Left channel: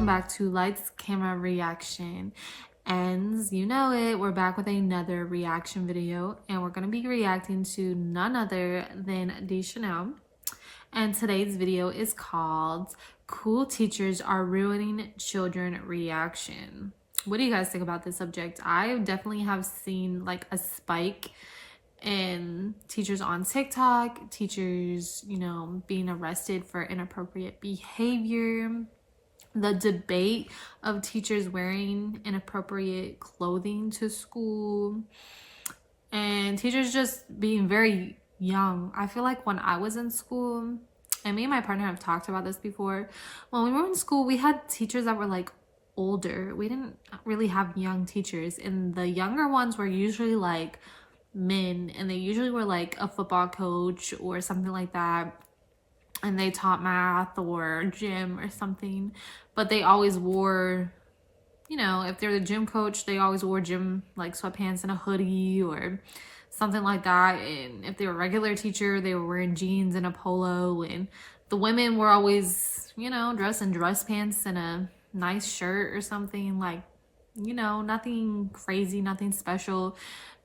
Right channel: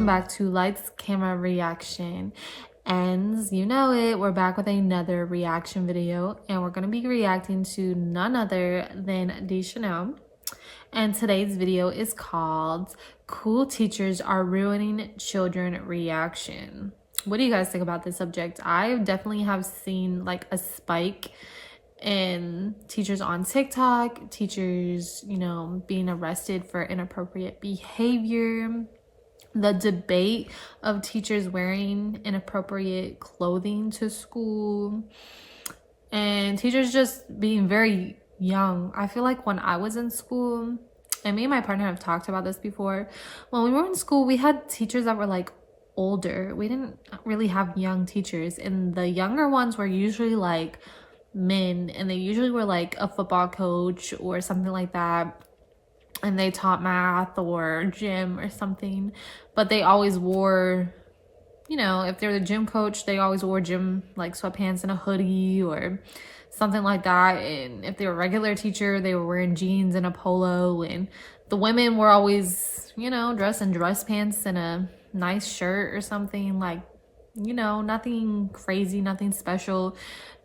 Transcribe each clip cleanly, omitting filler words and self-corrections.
welcome back to Lights Camera Reaction. And you know it, we're back with another reaction video, and we're going to be reacting to none other than Chanel. And today's video is called Cool Teachers Are Ruining Children Reaction. What do you guys think about this subject? I definitely have seen like a spike in teachers on TikTok, teachers, being arrested for inappropriate behavior. The debate of teachers wearing inappropriate clothing to school, and teachers just being very young. I feel like when I was in school, and me and my partner have talked about this before, when we were in school, we had teachers that were like older. We didn't really have young teachers, and the younger ones were usually like men, and they usually were like a football coach or something like that, and they taught math or gym or something. But they always wore, if they're the gym coach, they always wore gym like sweatpants and a hoodie or something like that. And if they were a regular teacher, they were wearing jeans and a polo. And the women were always, dressed in dress pants and a nice shirt or something, like, nothing crazy, nothing special,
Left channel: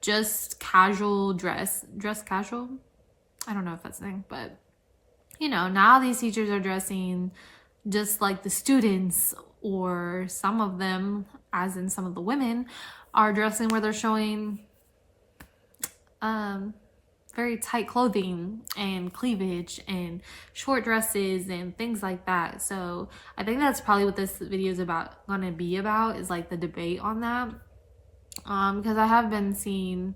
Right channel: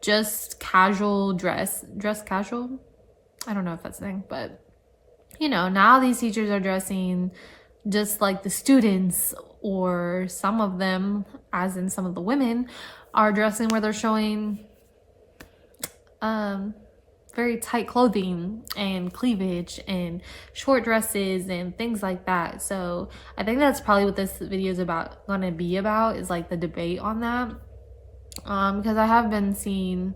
just casual dress casual. I don't know if that's the thing, but now these teachers are dressing just like the students, or some of them, as in some of the women, are dressing where they're showing very tight clothing and cleavage and short dresses and things like that. So I think that's probably what this video is gonna be about, is like the debate on that, because I have been seeing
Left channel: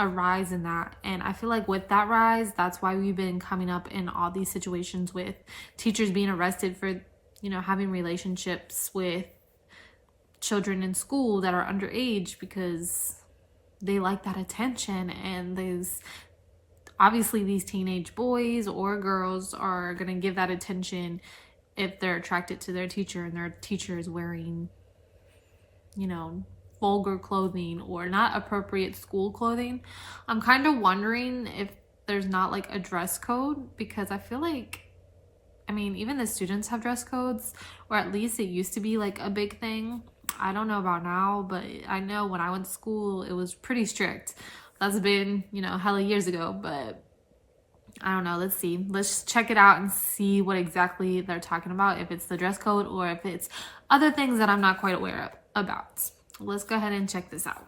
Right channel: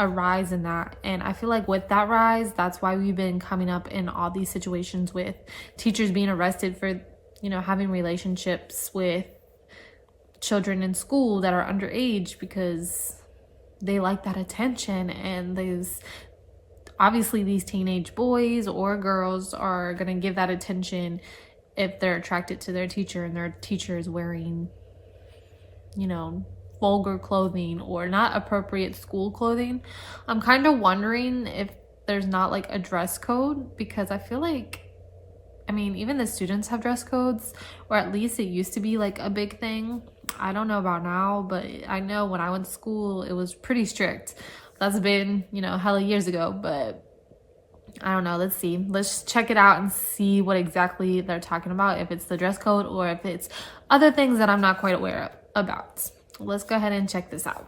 a rise in that, and I feel like with that rise, that's why we've been coming up in all these situations with teachers being arrested for having relationships with children in school that are underage, because they like that attention. And obviously these teenage boys or girls are gonna give that attention if they're attracted to their teacher, and their teacher is wearing vulgar clothing or not appropriate school clothing. I'm kind of wondering if there's not like a dress code, because I feel like, even the students have dress codes, or at least it used to be like a big thing. I don't know about now, but I know when I went to school, it was pretty strict. That's been, hella years ago, but I don't know. Let's see. Let's check it out and see what exactly they're talking about, if it's the dress code or if it's other things that I'm not quite aware about. Let's go ahead and check this out.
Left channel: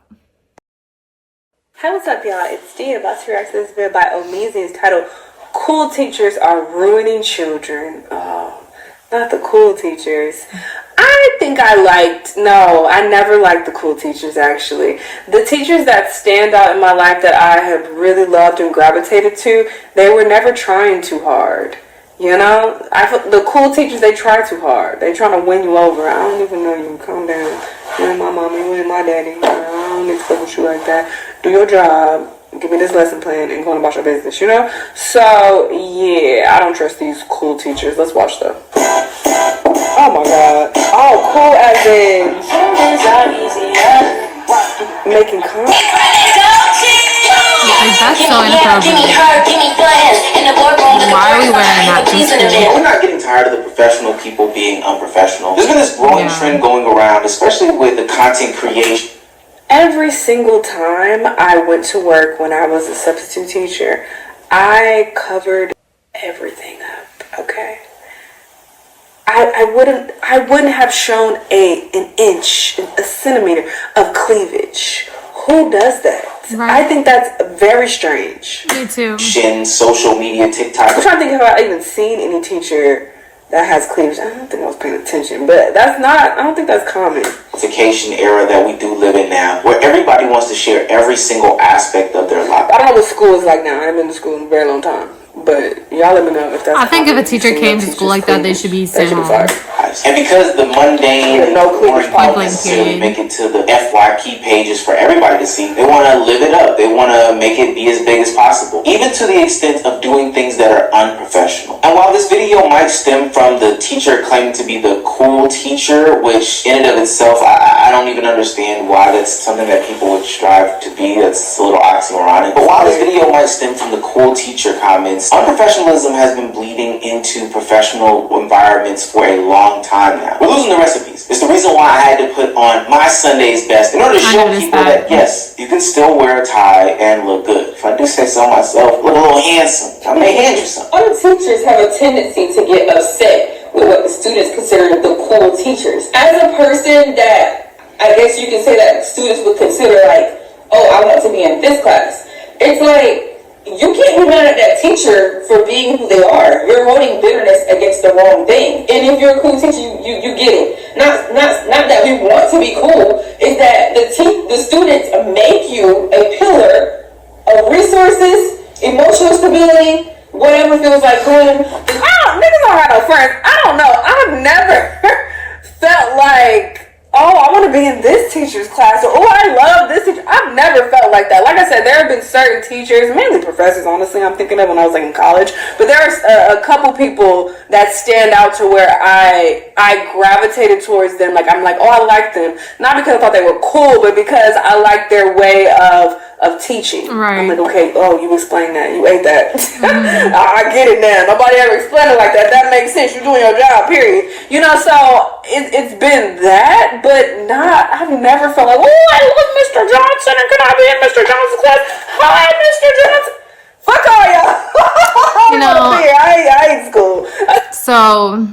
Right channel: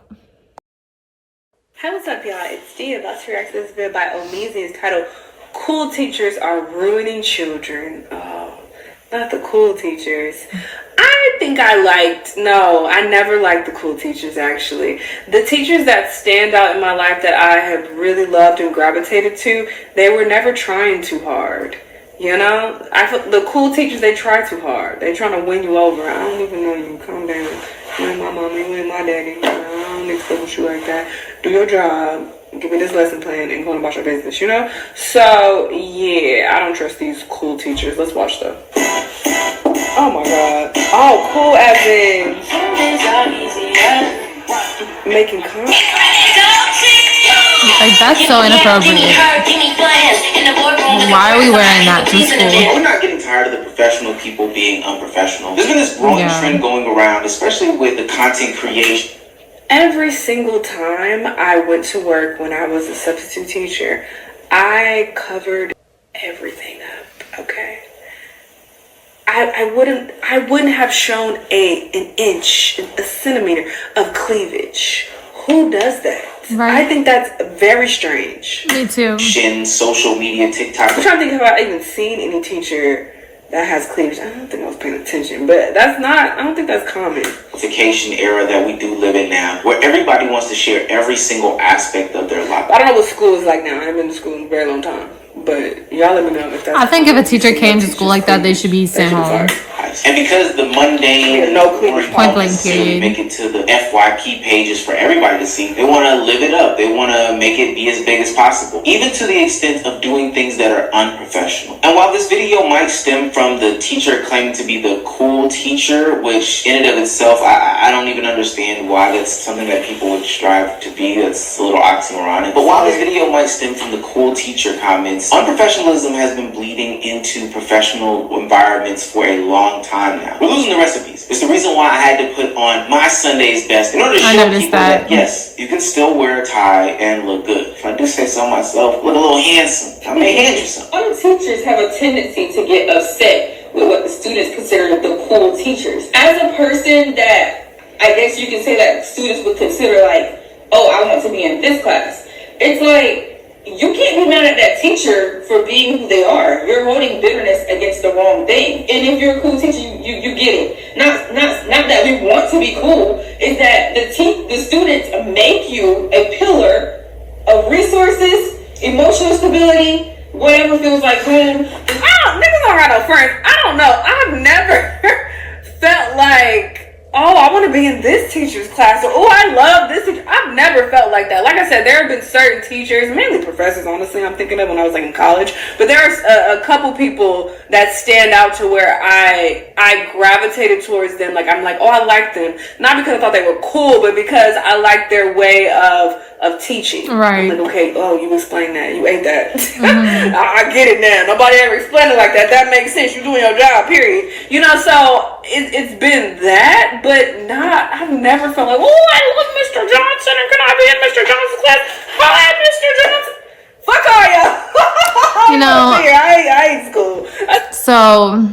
Hey, what's up, y'all? It's Dee, about to react to this video by Omizi. It's titled, Cool Teachers Are Ruining Children. Oh, not the cool teachers. I never liked the cool teachers, actually. The teachers that stand out in my life that I have really loved and gravitated to, they were never trying too hard. The cool teachers, they try too hard. They trying to win you over. I don't even know you. Calm down. You and my mama, you and my daddy. I don't expect with you like that. Do your job. Give me this lesson plan and go about your business, So, yeah, I don't trust these cool teachers. Let's watch them. Oh, my God. Oh, cool as in making comments. Like, that's so inappropriate. Why are we wearing that to school? We're not getting tired of the professional people being unprofessional. There's been this growing trend going around, especially with the content creation. Every single time I went to work when I was a substitute teacher, I covered everything up, okay? I wouldn't have shown an inch, a centimeter of cleavage. Who does that? Right. I think that's very strange. Me too. Social media, TikTok. I'm trying to think if I've even seen any teacher that has cleavage. I don't think I was paying attention, but I don't think that's common. Vacation era that we do live in now, where everybody wants to share every single aspect of their life. I don't know what school is like now. I haven't been to school in a very long time. But y'all let me know if that's I think if a teacher came to school like that, they should be sent home. And because the mundane and point blank period make it to the FYP pages for everybody to see, they want to live it up. They want to make it be as big as possible, even to the extent of doing things that are unprofessional. And while this video might stem from the teacher claiming to be the cool teacher, which in and of itself, I don't even understand why that's something that people would strive to be. That's a little oxymoronic. But while this video might stem from the cool teacher comments, unprofessionalism has been bleeding into professional environments for a long long time now. We're losing the recipes. It's the reason why I had to put on my Sunday's best in order to show people that, yes, you can still wear a tie and look good. If I do say so myself, look a little handsome. I may hand you some. Other teachers have a tendency to get upset with what the students consider the cool teachers. As a person that, I guess you can say that students would consider like, oh, I want to be in this class. It's like, you can't be mad at that teacher for being who they are. You're holding bitterness against the wrong thing. And if you're a cool teacher, you get it. Not that we want to be cool. It's that the students make you a pillar of resources, emotional stability, whatever feels like home. Niggas don't have no friends. I don't know. I've never felt like, oh, I want to be in this teacher's class, or oh, I love this teacher. I've never felt like that. Like I said, there have been certain teachers, mainly professors, honestly, I'm thinking of when I was like in college, but there's a couple people that stand out to where I gravitated towards them. Like, I'm like, oh, I like them. Not because I thought they were cool, but because I liked their way of teaching. Right. I'm like, okay, oh, you explained that. You ate that. Mm-hmm. I get it now. Nobody ever explained it like that. That makes sense. You're doing your job, period. You know, so it's been that, but not, I've never felt like, oh, I love Mr. Johnson, and can I be in Mr. Johnson's class? Hi, Mr. Johnson. Fuck all y'all. You know, I ain't school. So,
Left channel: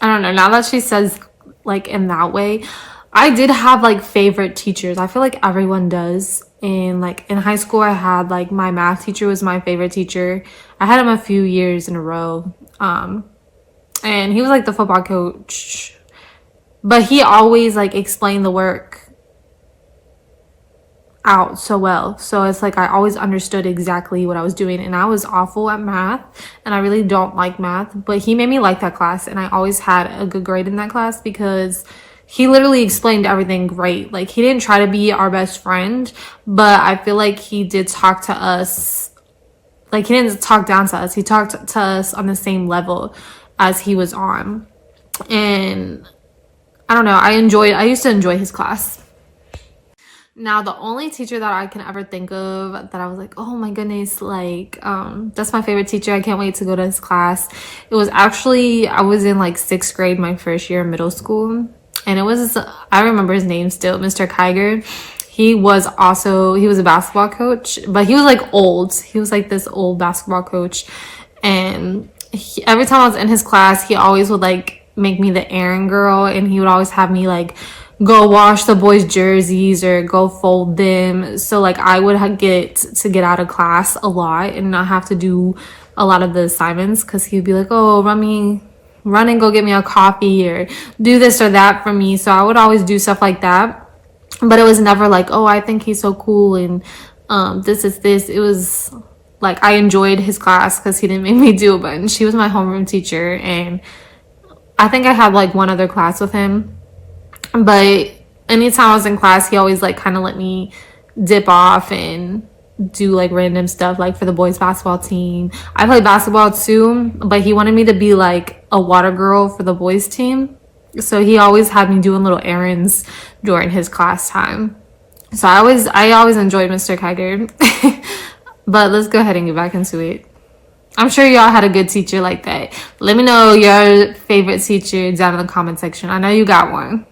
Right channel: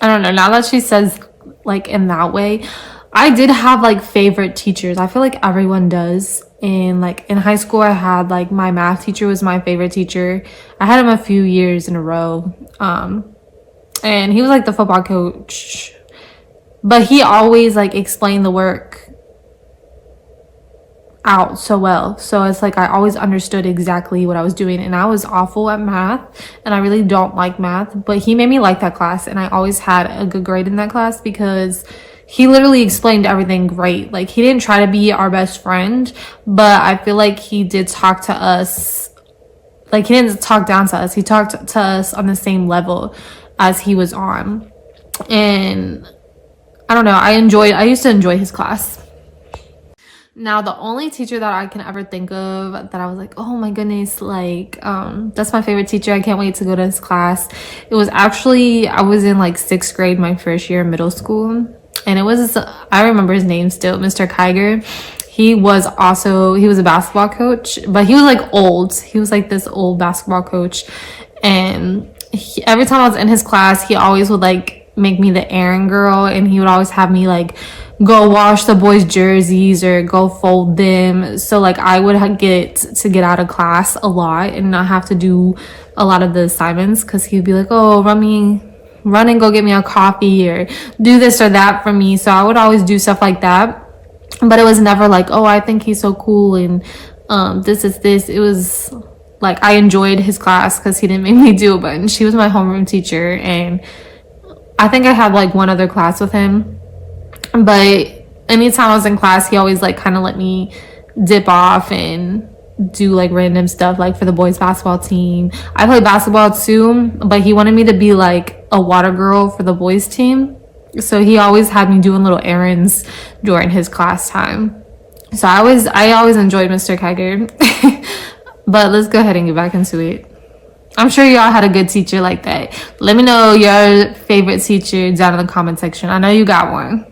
I don't know. Now that she says, like, in that way, I did have, like, favorite teachers. I feel like everyone does. And, like, in high school, I had, like, my math teacher was my favorite teacher. I had him a few years in a row. And he was, like, the football coach. But he always, like, explained the work out so well. So it's like I always understood exactly what I was doing. And I was awful at math. And I really don't like math. But he made me like that class. And I always had a good grade in that class because he literally explained everything great. Like, he didn't try to be our best friend, but I feel like he did talk to us. Like, he didn't talk down to us. He talked to us on the same level as he was on. And I don't know. I used to enjoy his class. Now, the only teacher that I can ever think of that I was like, oh my goodness, like, that's my favorite teacher. I can't wait to go to his class. It was actually, I was in like 6th grade, my first year in middle school. And it was, I remember his name still, Mr. Kiger. He was a basketball coach, but he was like old. He was like this old basketball coach. And every time I was in his class, he always would like make me the errand girl. And he would always have me like go wash the boys' jerseys or go fold them. So like I would get out of class a lot and not have to do a lot of the assignments because he'd be like, oh, run and go get me a coffee or do this or that for me. So I would always do stuff like that. But it was never like, oh, I think he's so cool and this is this. It was like I enjoyed his class because he didn't make me do a bunch. She was my homeroom teacher. And I think I had like one other class with him. But anytime I was in class, he always like kind of let me dip off and do like random stuff like for the boys basketball team. I played basketball too, but he wanted me to be like a water girl for the boys team. So he always had me doing little errands during his class time. So I always enjoyed Mr. Kiger. But let's go ahead and get back into it. I'm sure y'all had a good teacher like that. Let me know your favorite teacher down in the comment section. I know you got one.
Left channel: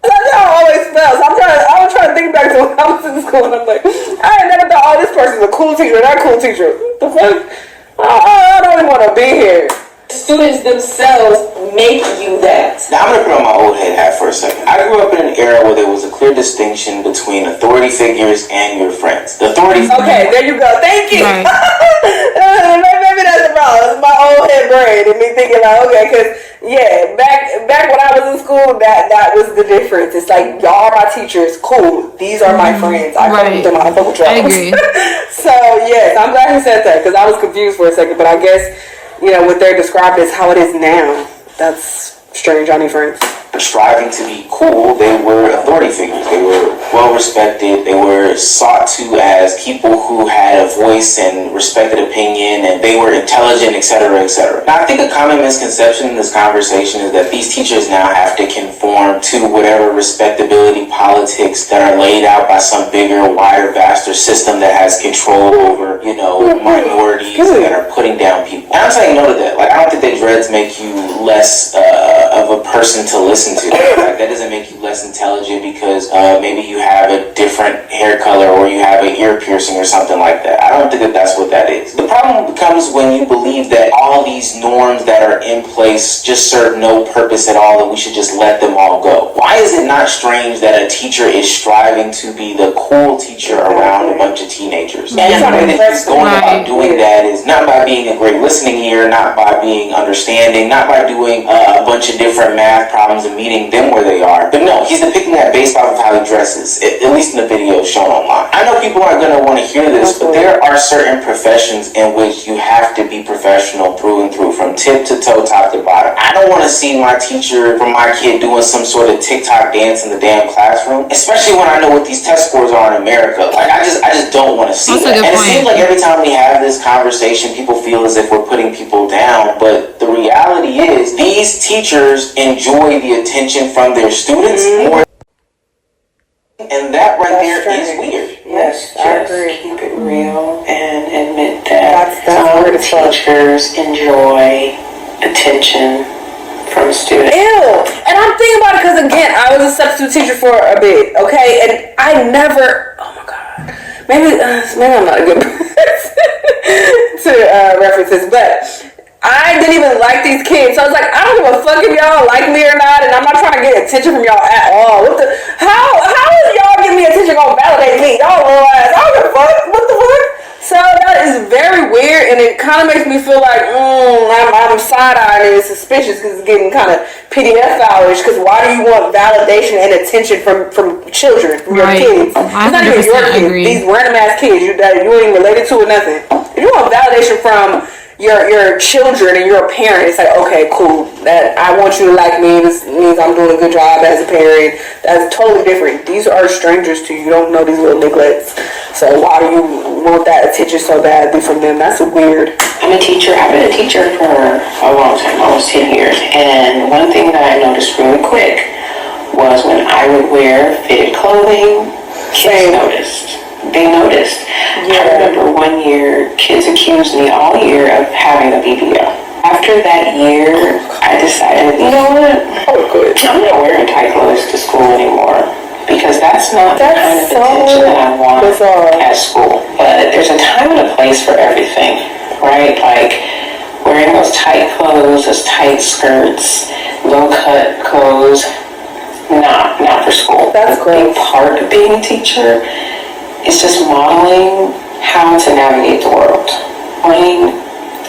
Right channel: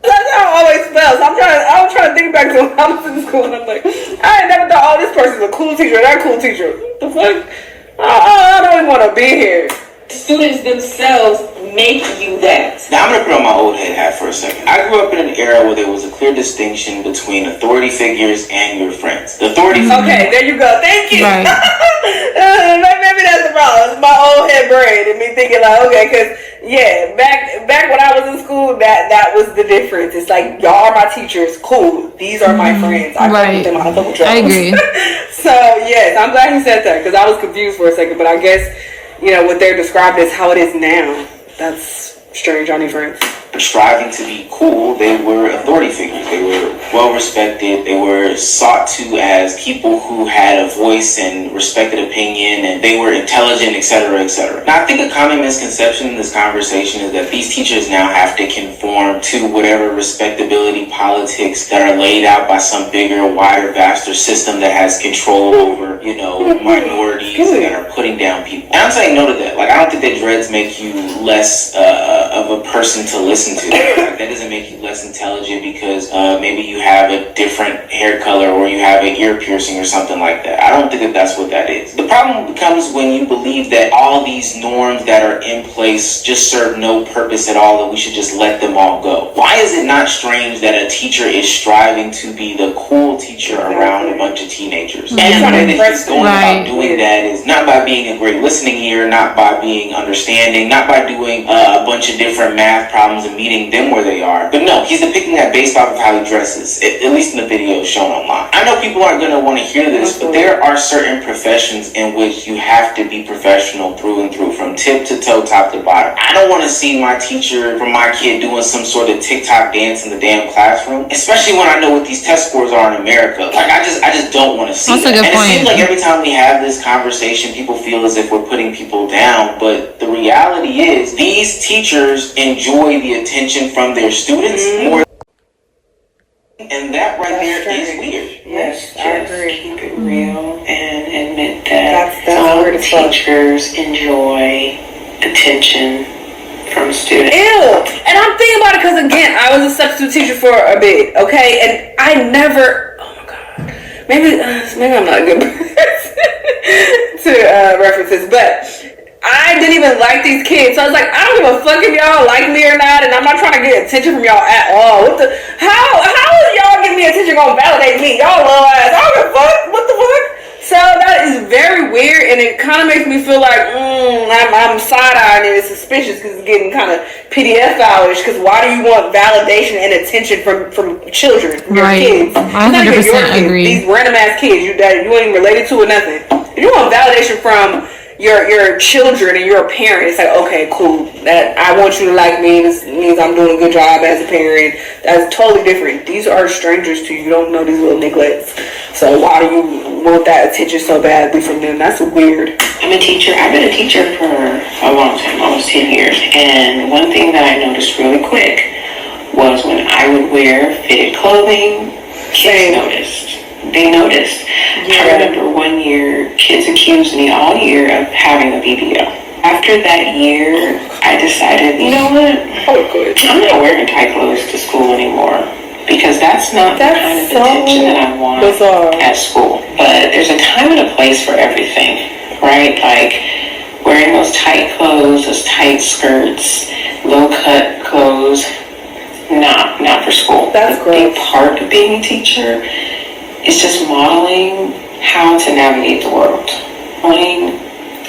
That's how it always felt. I'm trying to think back to when I was in school, and I'm like, I never thought, oh, this person's a cool teacher, that cool teacher. The fuck? I don't even want to be here. Students themselves make you that. Now I'm going to put on my old head hat for a second. I grew up in an era where there was a clear distinction between authority figures and your friends. The authority Okay, there you go. Thank you. Right. Maybe that's the problem. It's my old head brain and me thinking like, okay, because yeah, back when I was in school, that was the difference. It's like, y'all are my teachers, cool. These are my friends. I right. Them, I agree. So yes, I'm glad you said that because I was confused for a second, but I guess, you know, what they're described as how it is now. That's strange. I need friends. striving to be cool, they were authority figures. They were well respected. They were sought to as people who had a voice and respected opinion, and they were intelligent, etc., etc. Now, I think a common misconception in this conversation is that these teachers now have to conform to whatever respectability politics that are laid out by some bigger, wider, vaster system that has control over, minorities that are putting down people. And I'm saying no to that. Like, I don't think that dreads make you less of a person to listen to. Like, that doesn't make you less intelligent because maybe you have a different hair color or you have an ear piercing or something like that. I don't think that that's what that is. The problem becomes when you believe that all these norms that are in place just serve no purpose at all and we should just let them all go. Why is it not strange that a teacher is striving to be the cool teacher around a bunch of teenagers? And the way that he's going about doing that is not by being a great listening ear, not by being understanding, not by doing a bunch of different math problems and meeting them where they are. But no, he's depicting that based off of how he dresses, at least in the video shown online. I know people aren't going to want to hear this, but there are certain professions in which you have to be professional through and through, from tip to toe, top to bottom. I don't want to see my teacher from my kid doing some sort of TikTok dance in the damn classroom, especially when I know what these test scores are in America. Like, I just don't want to see that. And it seems like every time we have this conversation, people feel as if we're putting people down, but the reality is these teachers enjoy the attention from their students more, and that right there is weird. Yes, I agree. Keep it real and admit that some teachers enjoy attention from students. Ew! And I'm thinking about it because, again, I was a substitute teacher for a bit, okay? And I never, oh my God, maybe I'm not a good person to reference this, but I didn't even like these kids. So I was like, I don't give a fuck if y'all like me or not, and I'm not trying to get attention from y'all at all. How is y'all giving me attention gonna validate me? Y'all little ass. I don't give a fuck. What the fuck? So that is very weird, and it kind of makes me feel like I'm side-eyeing and it's suspicious because it's getting kind of PDF-ish. Because why do you want validation and attention from children, from your kids? I 100% agree. These random-ass kids you ain't related to or nothing. If you want validation from your children and your parents, like, okay, cool, that I want you to like me, this means I'm doing a good job as a parent. That's totally different. These are strangers to you. You don't know these little neglects. So why do you want that attention so badly from them? That's weird. I'm a teacher. I've been a teacher for a long time, almost 10 years. And one thing that I noticed really quick was when I would wear fitted clothing, kids noticed. They noticed. Yeah. I remember one year, kids accused me all year of having a BBL. After that year, I decided, you know what? I'm not wearing tight clothes to school anymore because that's not the kind of attention that I want at school. But there's a time and a place for everything, right? Like wearing those tight clothes, those tight skirts, low-cut clothes, not for school. That's great. A part of being a teacher is just modeling how to navigate the world, learning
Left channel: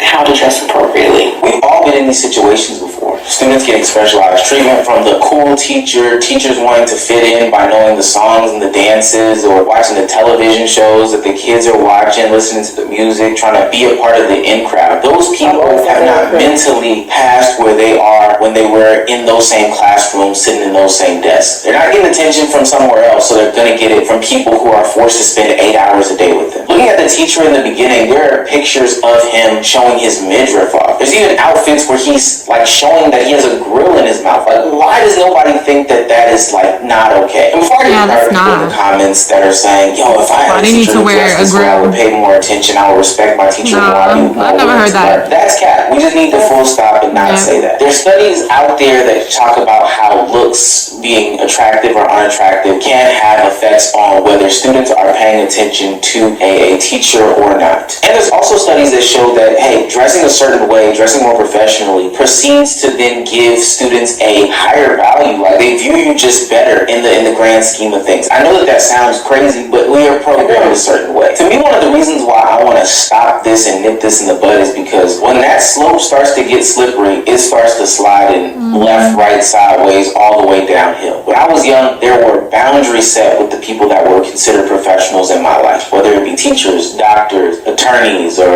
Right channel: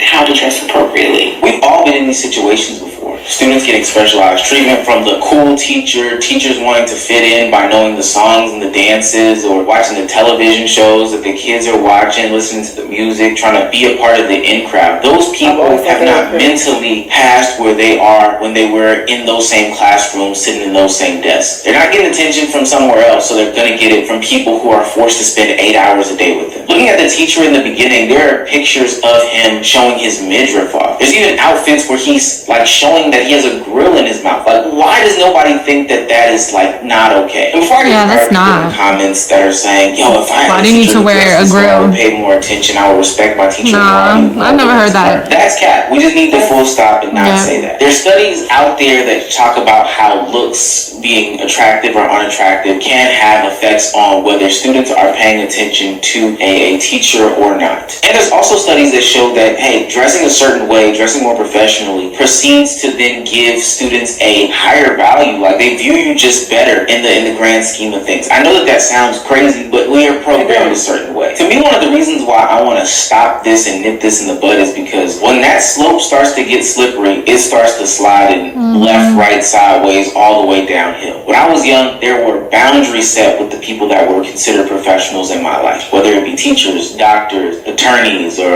how to dress appropriately. We've all been in these situations before. Students getting specialized treatment from the cool teacher, teachers wanting to fit in by knowing the songs and the dances, or watching the television shows that the kids are watching, listening to the music, trying to be a part of the in crowd. Those people have not mentally passed where they are when they were in those same classrooms, sitting in those same desks. They're not getting attention from somewhere else, so they're going to get it from people who are forced to spend 8 hours a day with them. Looking at the teacher in the beginning, there are pictures of him showing his midriff off. There's even outfits where he's like showing that he has a grill in his mouth. Like, why does nobody think that that is like not okay? And before I get that's not. The comments that are saying, yo, if I why do you need to wear a grill? I would pay more attention. I would respect my teacher. I've never heard that. That's cat. We just need to full stop and not say that. There's studies out there that talk about how looks, being attractive or unattractive, can have effects on whether students are paying attention to a teacher or not. And there's also studies that show that, hey, dressing a certain way, dressing more professionally, proceeds to then give students a higher value. Like, they view you just better in the grand scheme of things. I know that sounds crazy, but we are programmed a certain way. To me, one of the reasons why I want to stop this and nip this in the bud is because when that slope starts to get slippery, it starts to slide in left, right, sideways, all the way down. downhill. When I was young, there were boundaries set with the people that were considered professionals in my life, whether it be teachers, doctors, attorneys, or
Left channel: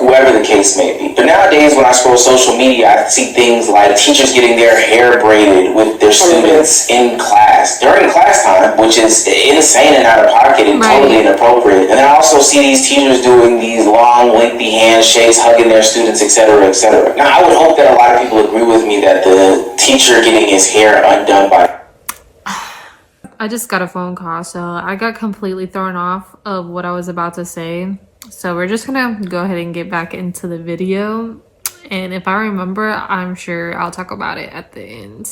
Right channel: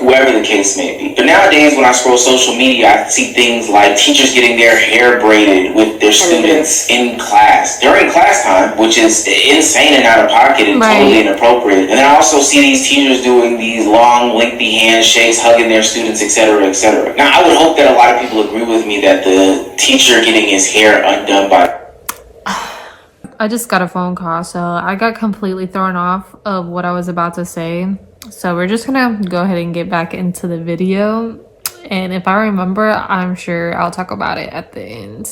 whoever the case may be. But nowadays, when I scroll social media, I see things like teachers getting their hair braided with their students in class during class time, which is insane and out of pocket and totally inappropriate. And then I also see these teachers doing these long, lengthy handshakes, hugging their students, etc., etc. Now, I would hope that a lot of people agree with me that the teacher getting his hair undone by... I just got a phone call, so I got completely thrown off of what I was about to say. So we're just gonna go ahead and get back into the video. And if I remember, I'm sure I'll talk about it at the end.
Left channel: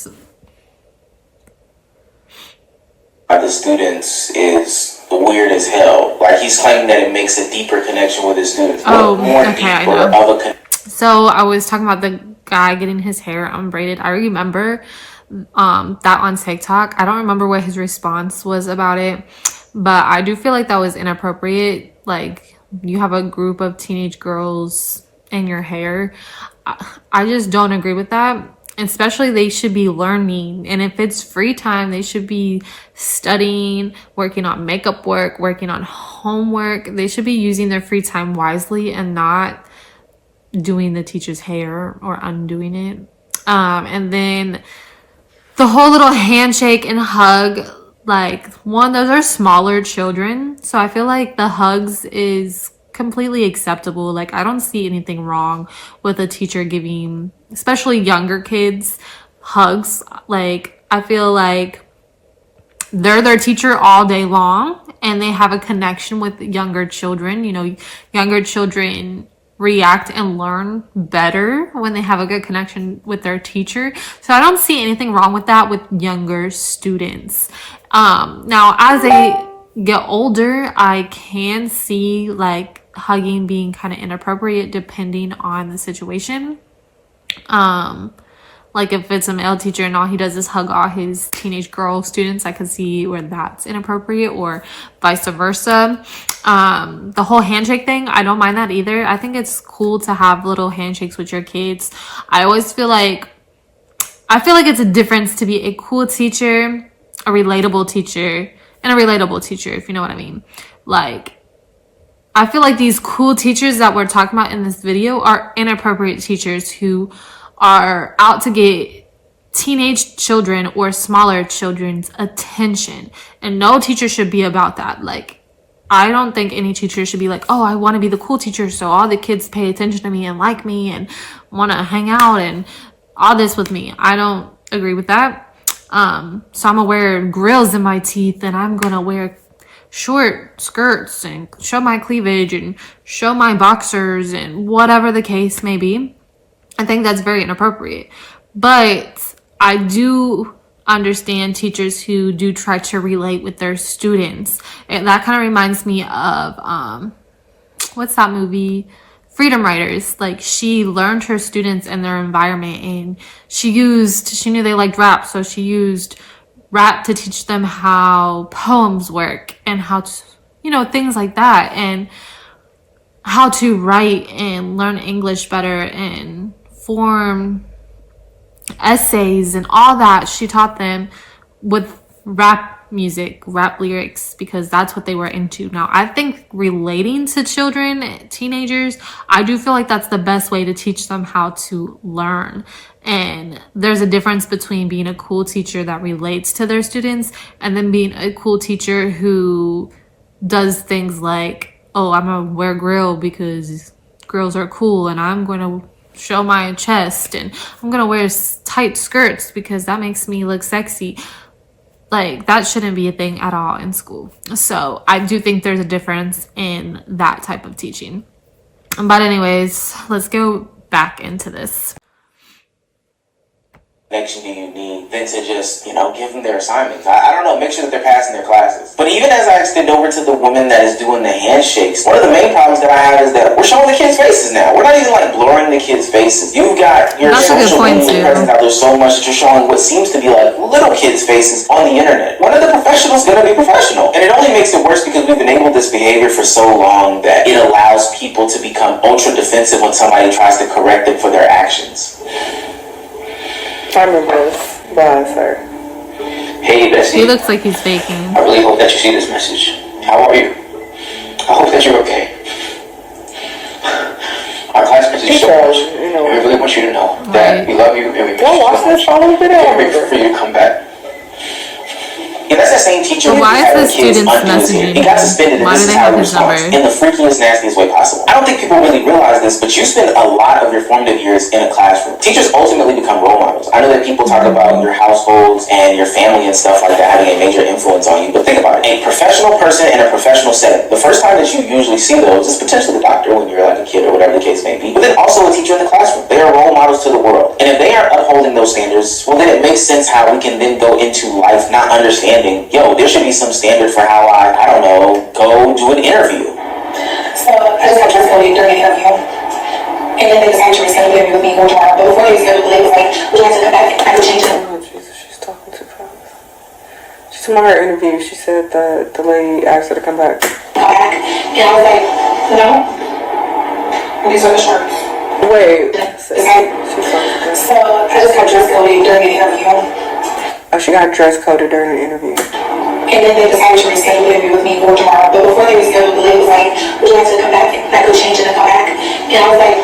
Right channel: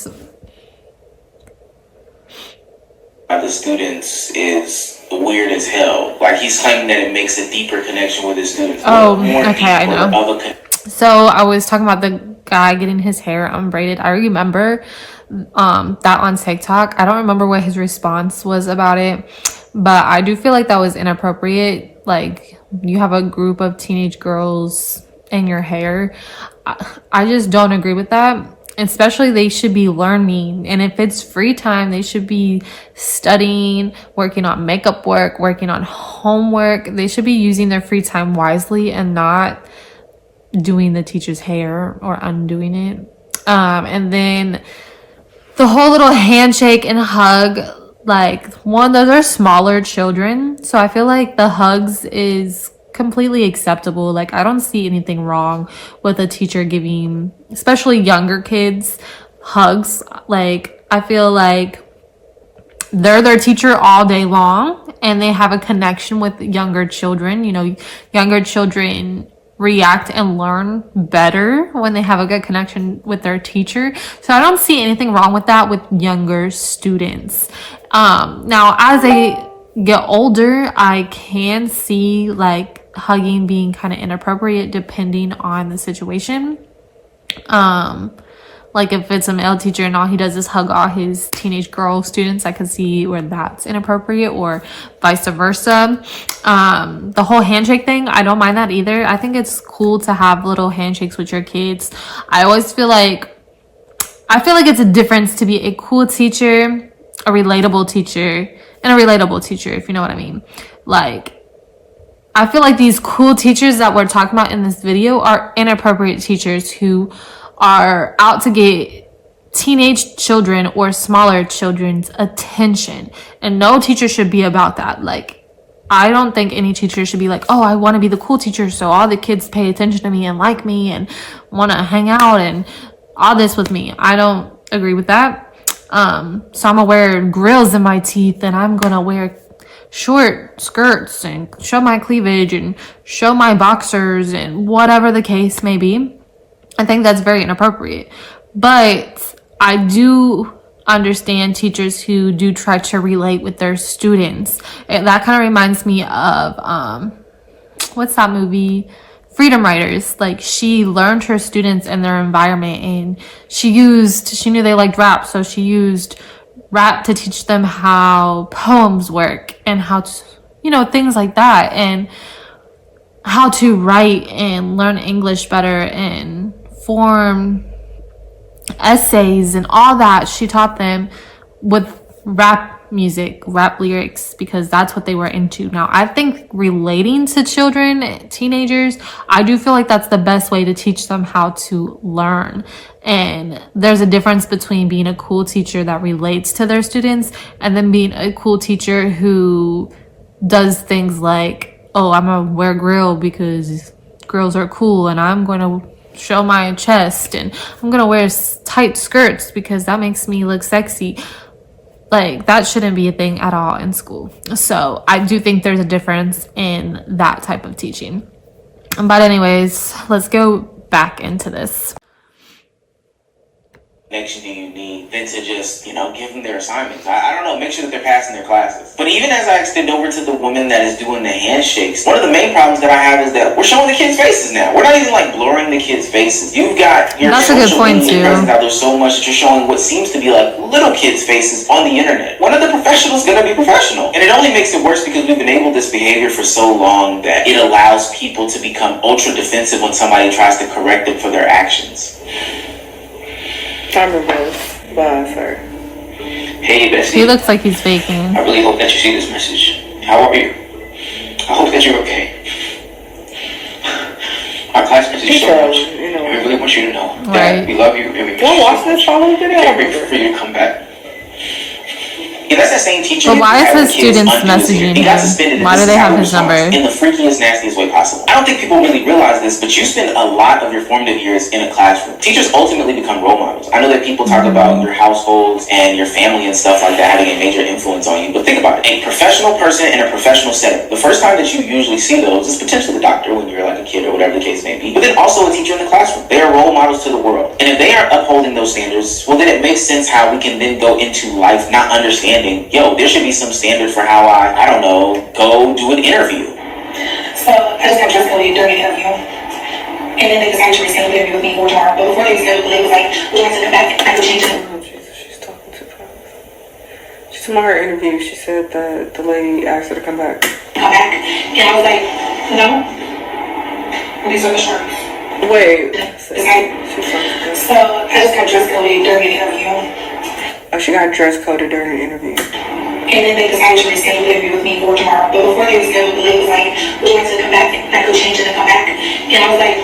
The students is weird as hell. Like, he's claiming that it makes a deeper connection with his students. Okay, I know. So I was talking about the guy getting his hair unbraided. I remember that on TikTok. I don't remember what his response was about it, but I do feel like that was inappropriate. Like, you have a group of teenage girls in your hair. I just don't agree with that. Especially, they should be learning, and if it's free time, they should be studying, working on makeup work, working on homework. They should be using their free time wisely and not doing the teacher's hair or undoing it. And then the whole little handshake and hug, like, one, those are smaller children, so I feel like the hugs is completely acceptable. Like, I don't see anything wrong with a teacher giving, especially younger kids, hugs. Like, I feel like they're their teacher all day long and they have a connection with younger children. You know, younger children react and learn better when they have a good connection with their teacher. So I don't see anything wrong with that with younger students. Now, as I get older, I can see like hugging being kind of inappropriate depending on the situation. Like, if it's a male teacher and all he does is hug all his teenage girl students, I could see where that's inappropriate, or vice versa. The whole handshake thing, I don't mind that either. I think it's cool to have little handshakes with your kids. I feel like it's a difference to be a cool teacher, a relatable teacher, and a relatable teacher, if you know what I mean. Like, I feel like these cool teachers that we're talking about in this video are inappropriate teachers who are out to get teenage children or smaller children's attention. And no teacher should be about that. Like, I don't think any teacher should be like, oh, I want to be the cool teacher so all the kids pay attention to me and like me and want to hang out and all this with me. I don't agree with that. So I'm gonna wear grills in my teeth and I'm gonna wear short skirts and show my cleavage and show my boxers and whatever the case may be. I think that's very inappropriate. But I do understand teachers who do try to relate with their students. And that kind of reminds me of what's that movie? Freedom Writers. Like, she learned her students and their environment, and she knew they liked rap, so she used rap to teach them how poems work and how to, things like that, and how to write and learn English better and form essays and all that. She taught them with rap music, rap lyrics, because that's what they were into. Now, I think relating to children, teenagers, I do feel like that's the best way to teach them how to learn. And there's a difference between being a cool teacher that relates to their students and then being a cool teacher who does things like, oh, I'm gonna wear a grill because girls are cool, and I'm going to show my chest, and I'm gonna wear tight skirts because that makes me look sexy. Like, that shouldn't be a thing at all in school. So I do think there's a difference in that type of teaching. But anyways, let's go back into this. Connection do you need than to just, give them their assignments? I don't know, make sure that they're passing their classes. But even as I extend over to the woman that is doing the handshakes, one of the main problems that I have is that we're showing the kids' faces now. We're not even blurring the kids' faces. You've got your social media presence out there so much that you're showing what seems to be like little kids' faces on the internet. One of the professionals is going to be professional. And it only makes it worse because we've enabled this behavior for so long that it allows people to become ultra defensive when somebody tries to correct them for their actions. I'm reversed. Go on, sir. Hey, Bessie. He looks like he's faking. I really hope that you see this message. How are you? I hope that you're okay. Our class message so much. We really want you to know that we love you and we watch this follow video. Can't wait for you to come back. Yeah, that's that same teacher. But why is his students messaging him? Why do they have his number? In the freakiest, nastiest way possible. I don't think people really realize this, but you spend a lot of your formative years in a classroom. Teachers ultimately become role models. I know that people talk about your households and your family and stuff like that having a major influence on you, but think about it. A professional person in a professional setting, the first time that you usually see those is potentially the doctor when you're like a kid or whatever the case may be, but then also a teacher in the classroom. They are role models to the world. And if they are upholding those standards, well, then it makes sense how we can then go into life not understanding, yo, there should be some standard for how I don't know, go do an interview. So I just got dresscode during an interview. And then they was actually saying interview with me one time. But before they was going, they was like, would you like to come back? I could change it. Oh, Jesus, she's talking too fast. She's in her interview. She said that the lady asked her to come back. Come back. And I was like, no. These are the shirts. Wait. So I just got dresscode during an interview. Oh, she got dress coded during the interview. And then they was actually saying interview with me more tomorrow. But before they was going, the lady was like, would you like to come back? And I could change it and come back. And I was like,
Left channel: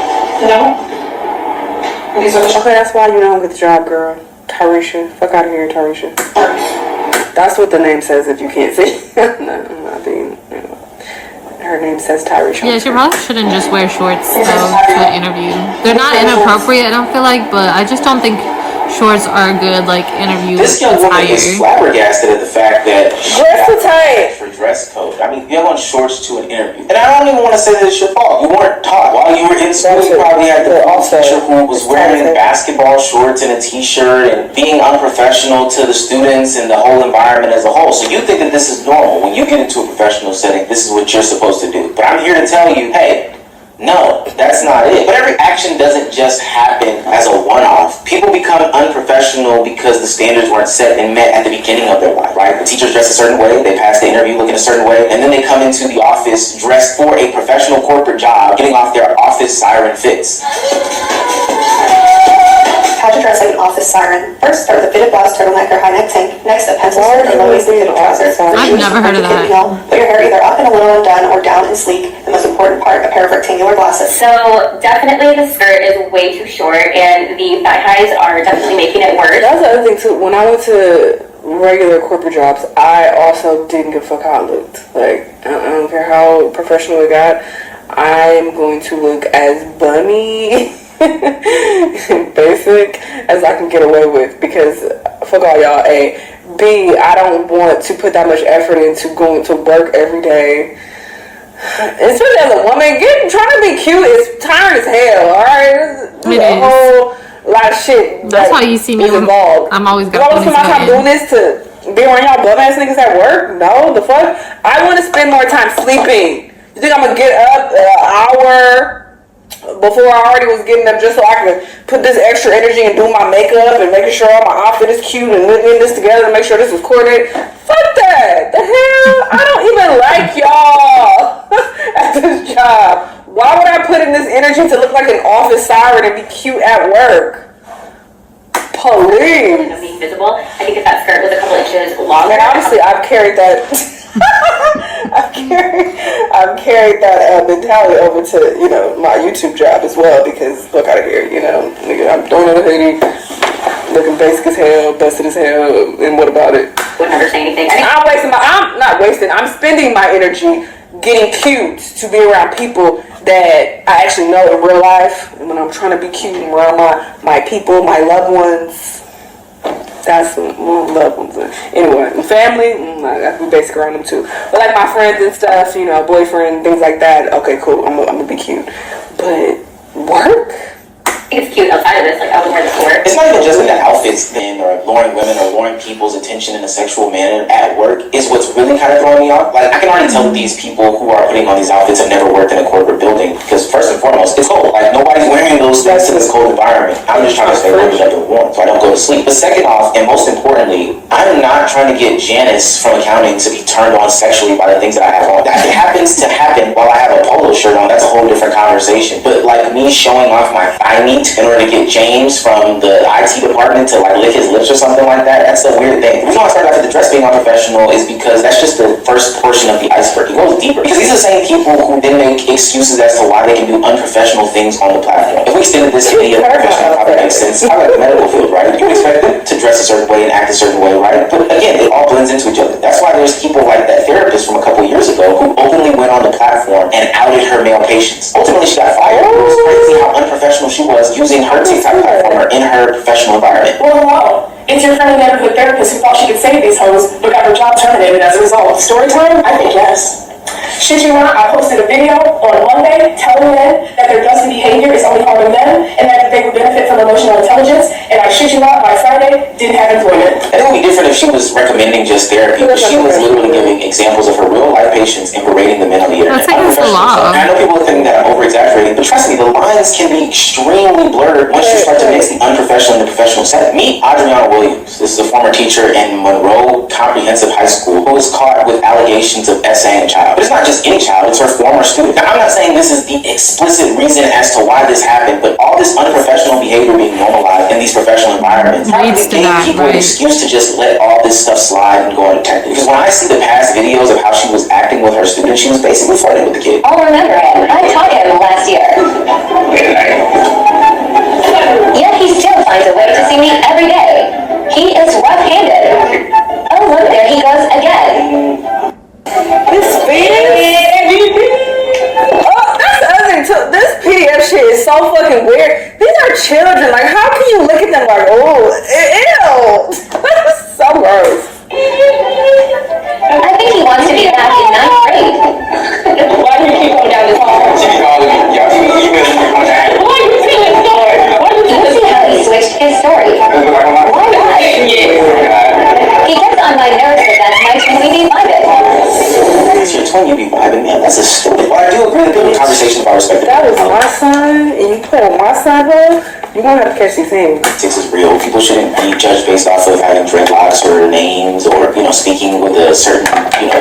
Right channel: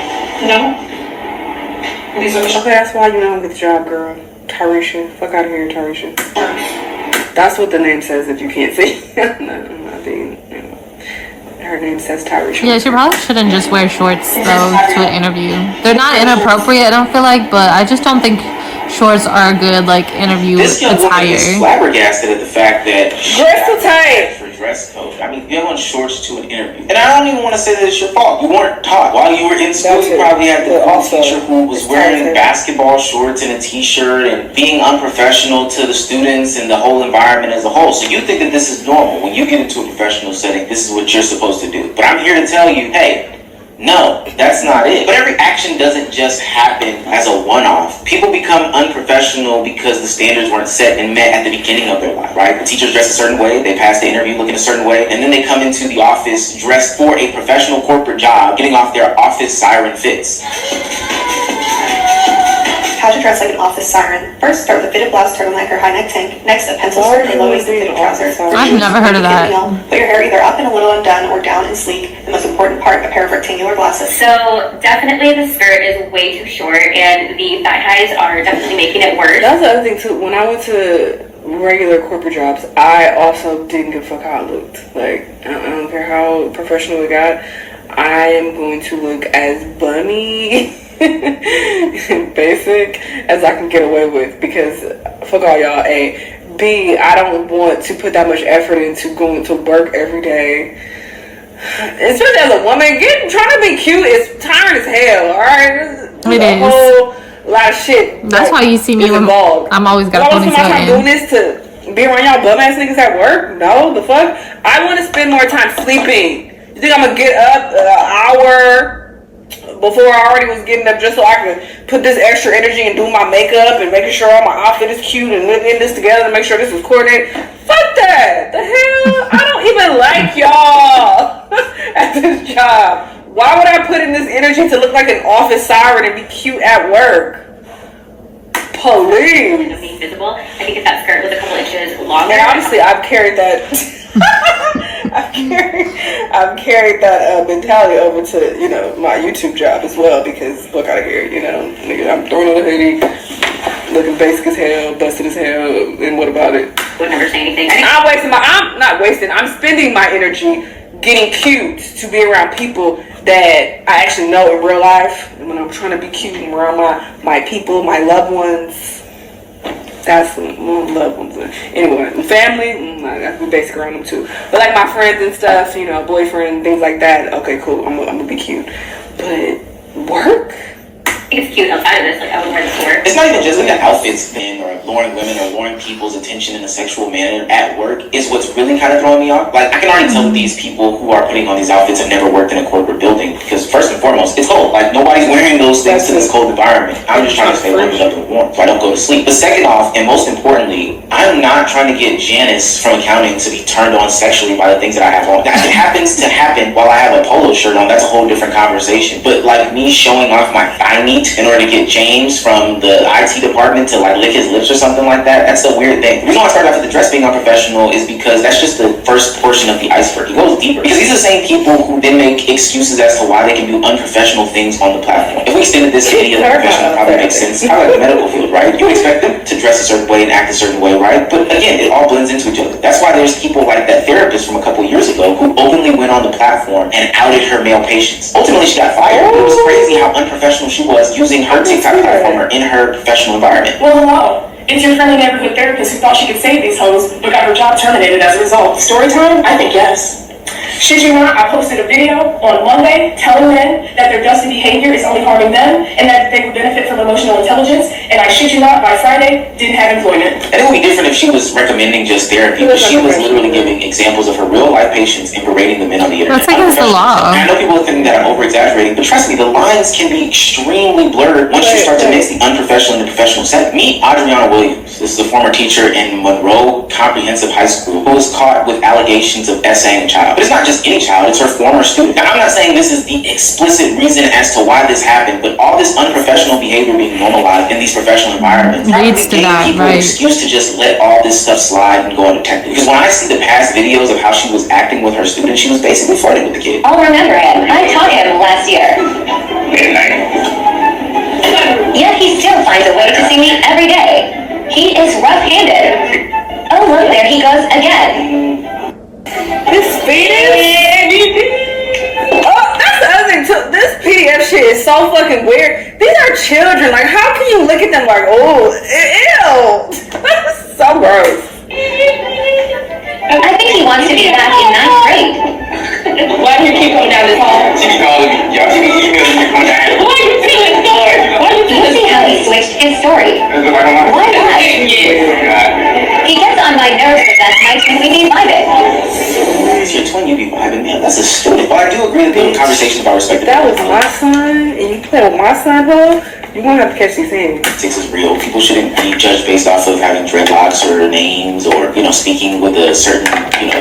no. These are the shirts. Okay, that's why you don't get the job, girl. Tarisha. Fuck out of here, Tarisha. That's what the name says if you can't see. I think, you know, her name says Tarisha. Yeah, she probably shouldn't just wear shorts though to an interview. They're not inappropriate, I don't feel like, but I just don't think shorts are a good like interview This young woman is attire. flabbergasted at the fact that she Dress got attire for dress code. I mean, you want shorts to an interview, and I don't even want to say that it's your fault. You weren't taught while you were in school. You probably had the teacher who was wearing basketball shorts and a t-shirt and being unprofessional to the students and the whole environment as a whole. So you think that this is normal. When you get into a professional setting, this is what you're supposed to do. But I'm here to tell you, hey, no, that's not it. But every action doesn't just happen as a one-off. People become unprofessional because the standards weren't set and met at the beginning of their life, right? The teachers dress a certain way, they pass the interview looking a certain way, and then they come into the office dressed for a professional corporate job, getting off their office siren fits. How to dress like an office siren. First, start with a fitted blouse, turtleneck, or high neck tank. Next, a pencil skirt and low-waisted fitted trousers. I've never heard of that. Put your hair either up and a little undone or down and sleek. The most important part, a pair of rectangular glasses. So definitely the skirt is way too short, and the thigh highs are definitely making it worse. That's the other thing too. When I went to regular corporate jobs, I also didn't give a fuck how I looked. Like, I don't care how professional it got. I'm going to look as bummy basic as I can get away with, because fuck all y'all. A, B, I don't want to put that much effort into going to work every day, especially as a woman. Trying to be cute is tiring as hell. All right, It is. Whole lot of shit. That's why you see me when I'm always got a I'm ponytail doing in. this to be around y'all bum ass niggas at work. No, the fuck. I want to spend more time sleeping. You think I'm gonna get up an hour before I already was getting up just so I could put this extra energy and do my makeup and making sure my outfit is cute and knitting this together and make sure this is coordinated? Fuck that! The hell? I don't even like y'all at this job. Why would I put in this energy to look like an office siren and be cute at work? Police. Be visible. I think if that skirt was a couple inches longer. And obviously, I've carried that. I've carried that mentality over to, you know, my YouTube job as well, because fuck out of here, you know, nigga, I'm throwing on a hoodie, looking basic as hell, busted as hell, and what about it? Wouldn't understand anything. And I'm spending my energy getting cute to be around people that I actually know in real life, and when I'm trying to be cute and around my people, my loved ones. That's loved ones. Anyway, family, I have to be basic around them too. But like my friends and stuff, you know, boyfriend, things like that. Okay, cool. I'm gonna be cute. But work? It's cute outside of this, like I would wear this to work. It's not even just like the outfits thing or luring women or luring people's attention in a sexual manner at work. It's what's really kind of throwing me off. Like, I can already tell that these people who are putting on these outfits have never worked in a corporate building, because first and foremost, it's cold. Like, nobody's wearing those things in this cold environment. I'm just trying to stay warm up and warm so I don't go to sleep. But second off, and most importantly, I'm not trying to get Janice from accounting to be turned on sexually by the things that I have on. That happens to happen while I have a polo shirt on. That's a whole different conversation. But like me showing off my thigh meat in order to get James from the IT department to like lick his lips or something like that, that's a weird thing. The reason why I started off with the dress being unprofessional is because that's just the first portion of the iceberg. It goes deeper. Because these are the same people who then make excuses as to why they can do unprofessional things on the platform. If we extended this video professional, probably makes sense. How about the medical field, right? You expect them to dress a certain way and act a certain way, right? But again, it all blends into each other. That's why there's people like that therapist from a couple years ago who openly went on the platform and outed her male patients. Ultimately, she got fired. It was crazy how unprofessional she was using her TikTok platform in her professional environment. Well, hello. It's your friendly neighborhood therapist who thought she could save these hoes, but got her job terminated as a result. Story time? I think yes. Shit you not, I posted a video on Monday telling them that their dusty behavior is only harming them and that they would benefit from emotional intelligence, and I shit you not, by Friday, didn't have employment. I think it would be different if she was recommending just therapy, but she was literally giving examples of her real life patients and berating them in on the internet. That's against the law. I know people think that I'm over exaggerating, but trust me, the lines can be extremely blurred once you start to mix the unprofessional and the professional set. Meet Adriana Williams. This is a former teacher in Monroe Comprehensive High School who was caught with allegations of essaying a child. But it's not just any child, it's her former student. Now, I'm not saying this is the explicit reason as to why this happened, but all this unprofessional behavior being normalized in these professional environments leads to that, people right? An excuse to just let all this stuff slide and go undetected. Because when I see the past videos of how she was acting with her students, she was basically flirting with the kid. I'll remember it. I taught him last year. Yet he still finds a way to see me every day. He is rough-handed. Oh, look, there he goes again. This that's the other thing too. This PDF shit is so fucking weird. These are children. Like, how can you look at them like, oh, ew? That's so gross. I think he wants to be back in ninth grade. Why do you keep going down this hall? She be calling you. Y'all see you better be on that. Why do you see his story? You see how he switched his story. He gets on my nerves, but that's nice when we need private. You're telling you be vibing, man. That's a stupid. But I do agree with the conversation about respect. That was my son, and you play with my son, huh? You're gonna have to catch these things. Politics is real. People shouldn't be judged based off of having dreadlocks or names or, speaking with a certain,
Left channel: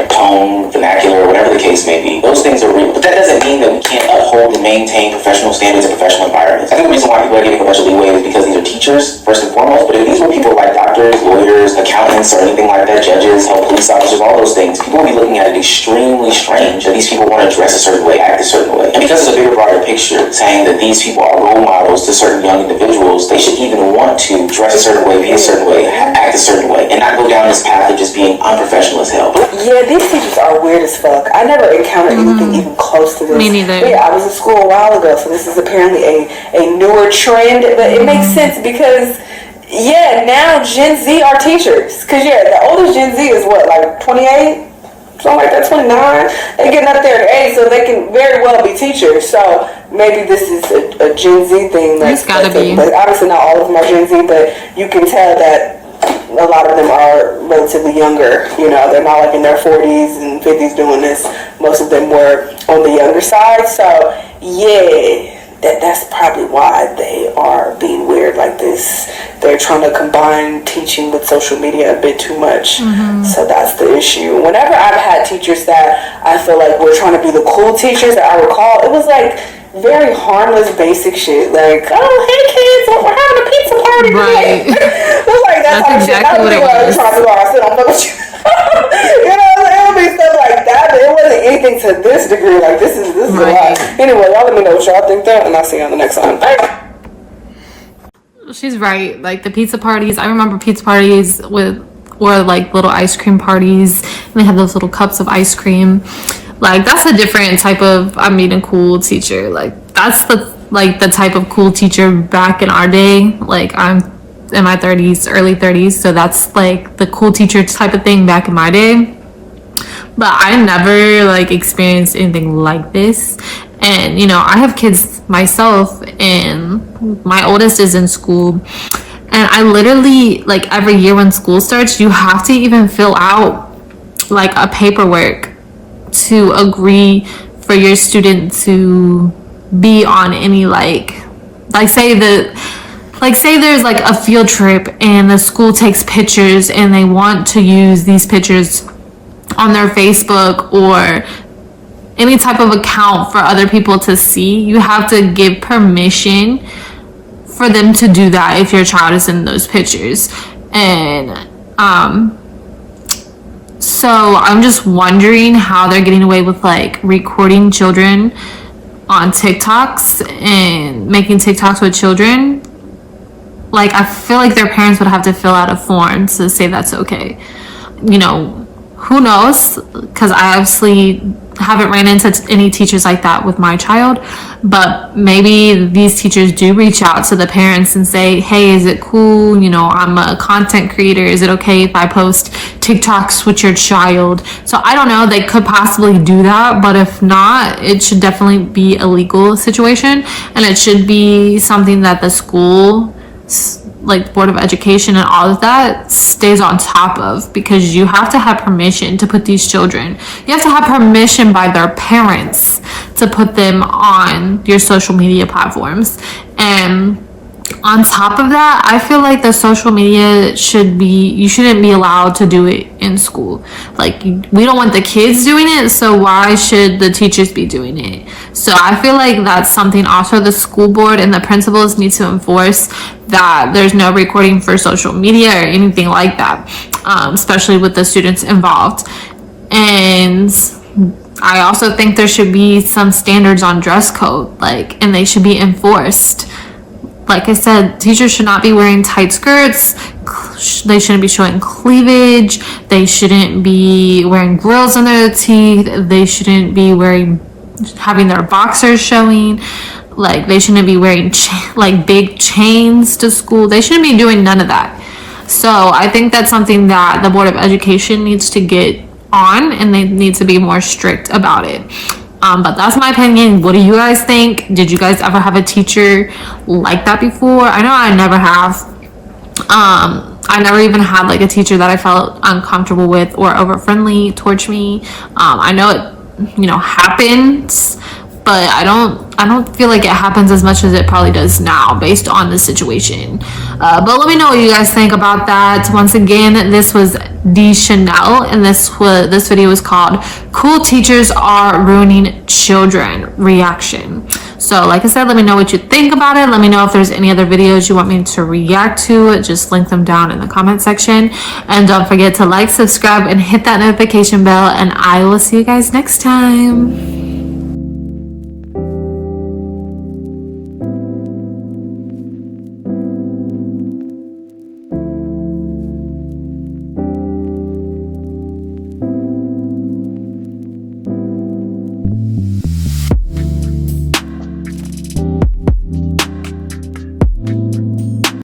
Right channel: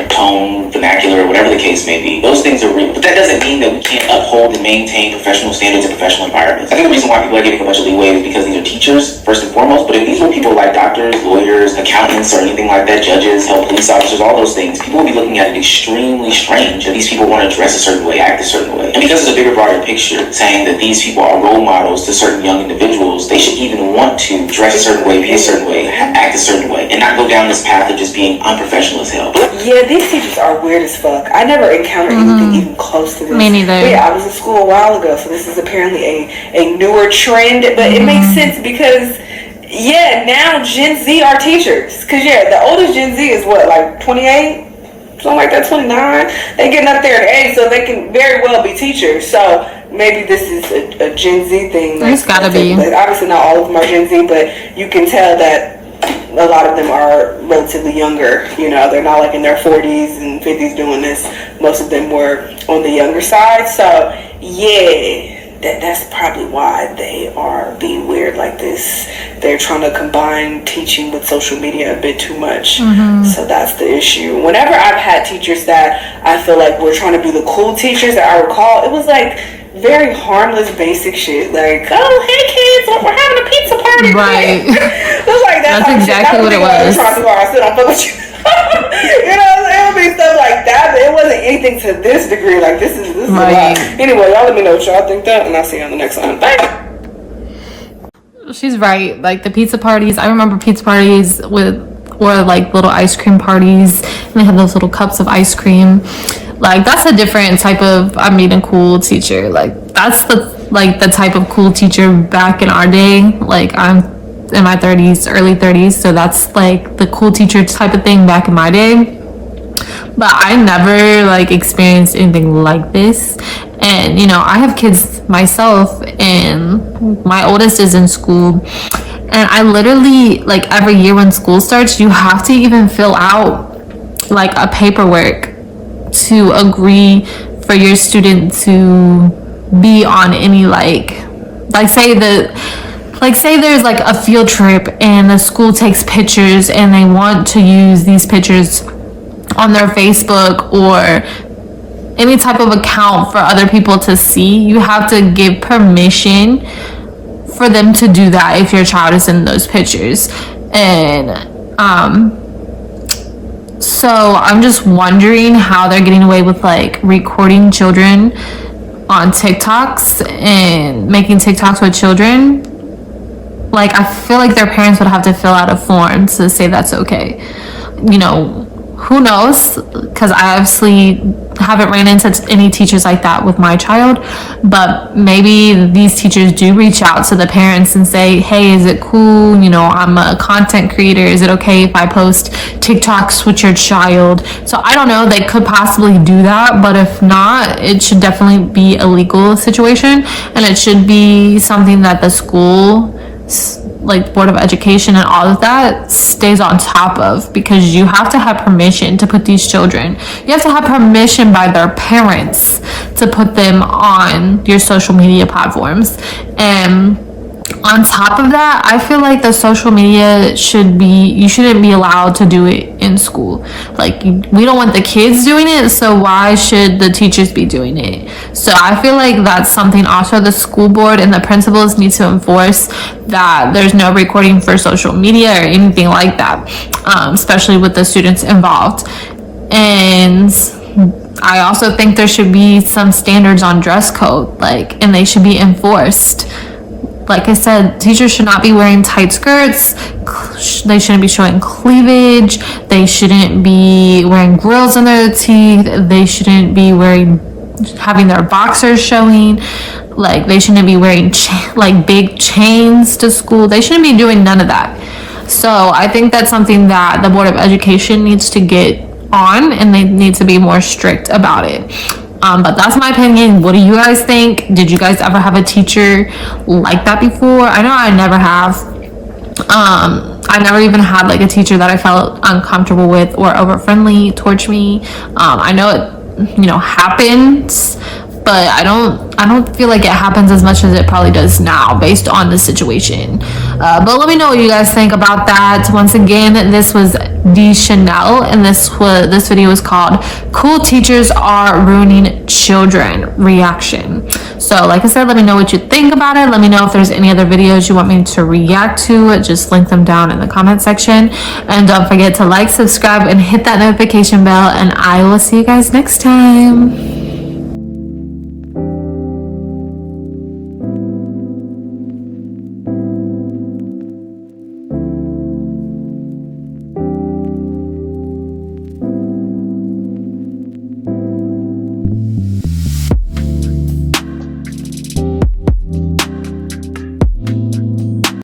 tone, vernacular, or whatever the case may be. Those things are real. But that doesn't mean that we can't uphold and maintain professional standards in professional environments. I think the reason why people are getting a bunch of leeway is because these are teachers, first and foremost. But if these were people like doctors, lawyers, accountants, or anything like that, judges, health police officers, all those things, people would be looking at it extremely strange that these people want to dress a certain way, act a certain way. And because it's a bigger, broader picture, saying that these people are role models to certain young individuals, they should even want to dress a certain way, be a certain way, act a certain way, and not go down this path of just being unprofessional as hell. Yeah, these teachers are weird as fuck. I never encountered anything even close to this. Me neither. But yeah, I was in school a while ago, so this is apparently a newer trend, but it makes sense because now Gen Z are teachers. Because the oldest Gen Z is what, like 28? Something like that, 29. They getting up there in age, so they can very well be teachers. So maybe this is a Gen Z thing. It's gotta be. But obviously not all of them are Gen Z, but you can tell that a lot of them are relatively younger. They're not like in their 40s and 50s doing this. Most of them were on the younger side. So that's probably why they are being weird like this. They're trying to combine teaching with social media a bit too much. So that's the issue. Whenever I've had teachers that I feel like were trying to be the cool teachers that I recall, it was like very harmless, basic shit. Like, oh, hey kids, we're having a pizza party. Right. It was like that's exactly what it was. It would be stuff like that, but it wasn't anything to this degree. Like, this is right. A lot. Anyway, y'all let me know what y'all think that, and I'll see you on the next one. Bye. She's right. Like the pizza parties, I remember pizza parties were like little ice cream parties, and they had those little cups of ice cream. Like that's a different type of a cool teacher. Like that's the type of cool teacher back in our day. Like I'm in my 30s, early 30s, so that's like the cool teacher type of thing back in my day. But I never experienced anything like this. And I have kids myself, and my oldest is in school, and I literally every year when school starts, you have to even fill out a paperwork to agree for your student to be on any say like say there's like a field trip and the school takes pictures and they want to use these pictures on their Facebook or any type of account for other people to see, you have to give permission for them to do that if your child is in those pictures. And so I'm just wondering how they're getting away with like recording children on TikToks and making TikToks with children. Like, I feel like their parents would have to fill out a form to say that's okay. You know, who knows? Because I obviously haven't ran into any teachers like that with my child, but maybe these teachers do reach out to the parents and say, hey, is it cool? You know, I'm a content creator. Is it okay if I post TikToks with your child? So I don't know. They could possibly do that, but if not, it should definitely be a legal situation, and it should be something that the school, like Board of Education and all of that, stays on top of, because you have to have permission to put these children, you have to have permission by their parents to put them on your social media platforms. And on top of that, I feel like the social media you shouldn't be allowed to do it in school. Like, we don't want the kids doing it, so why should the teachers be doing it? So I feel like that's something also the school board and the principals need to enforce, that there's no recording for social media or anything like that, especially with the students involved. And I also think there should be some standards on dress code, and they should be enforced. Like I said, teachers should not be wearing tight skirts. They shouldn't be showing cleavage. They shouldn't be wearing grills in their teeth. They shouldn't be having their boxers showing. Like, they shouldn't be wearing big chains to school. They shouldn't be doing none of that. So I think that's something that the Board of Education needs to get on, and they need to be more strict about it. But that's my opinion. What do you guys think? Did you guys ever have a teacher like that before? I know I never have. I never even had like a teacher that I felt uncomfortable with or over friendly towards me. I know it, happens, but I don't feel like it happens as much as it probably does now based on the situation. But let me know what you guys think about that. Once again, this was D Chanel, and this video was called "Cool Teachers Are Ruining Children" reaction. So like I said, let me know what you think about it. Let me know if there's any other videos you want me to react to. Just link them down in the comment section, and don't forget to like, subscribe, and hit that notification bell, and I will see you guys next time.